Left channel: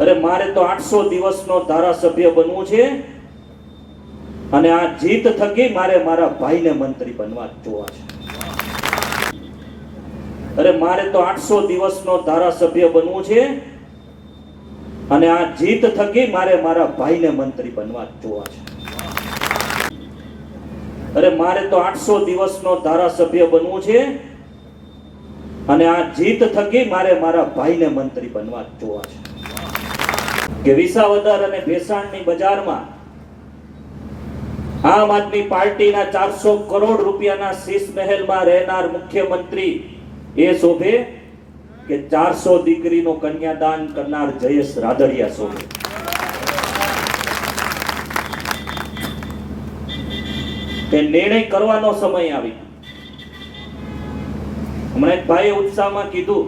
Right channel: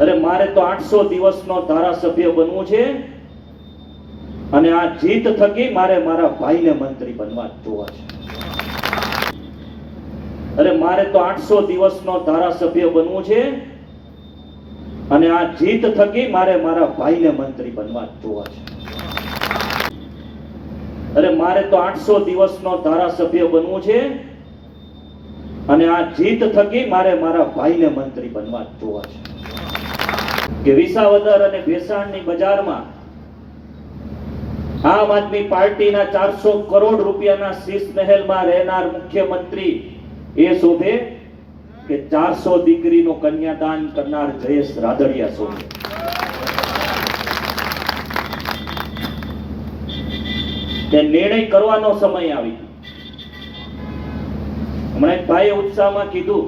અરે મારે તો આઠસો દિવસનો ધારાસભ્ય બનવું છે. અને આ જીત થકી મારે મારા ભાઈને મંત્રી બનવા જોવા છે. અરે મારે તો આઠસો દિવસનો ધારાસભ્ય બનવું છે. અને આ જીત થકી મારે મારા ભાઈને મંત્રી બનવા જોવા છે. અરે મારે તો આઠસો દિવસનો ધારાસભ્ય બનવું છે. અને આ જીત થકી મારે મારા ભાઈને મંત્રી બનવા જોવા છે. કે વિસાવદર અને ભેસાણની બજારમાં આમ આદમી પાર્ટીના ચારસો કરોડ રૂપિયાના શીશ મહેલમાં રહેનાર મુખ્યમંત્રી એ શોભે કે ચારસો દીકરીનો કન્યાદાન કરનાર જયેશ રાદડિયા શોભે. તે નિર્ણય કરવાનો સમય આવી હમણાં ભાઈએ ઉત્સાહમાં કીધું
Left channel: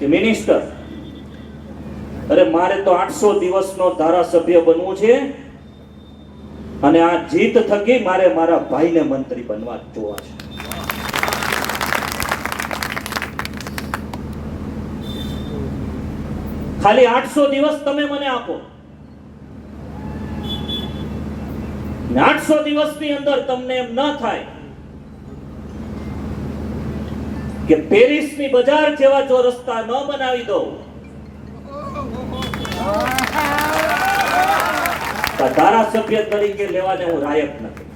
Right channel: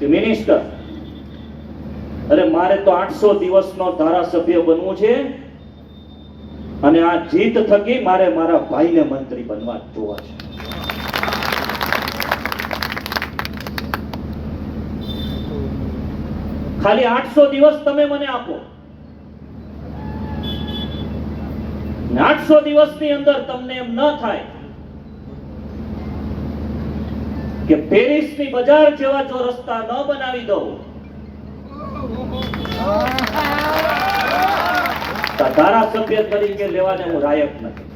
કે મિનિસ્ટર અરે મારે તો આઠસો દિવસનો ધારાસભ્ય બનવું છે. અને આ જીત થકી મારે મારા ભાઈને મંત્રી બનવા જોવા છે. ખાલી આઠસો દિવસ તમે મને આપો. આઠસો દિવસની અંદર તમને એમ ન થાય કે પેરિસની બજાર જેવા જો રસ્તા ન બનાવી દઉં ધારાસભ્ય તરીકે લેવાને હું લાયક નથી.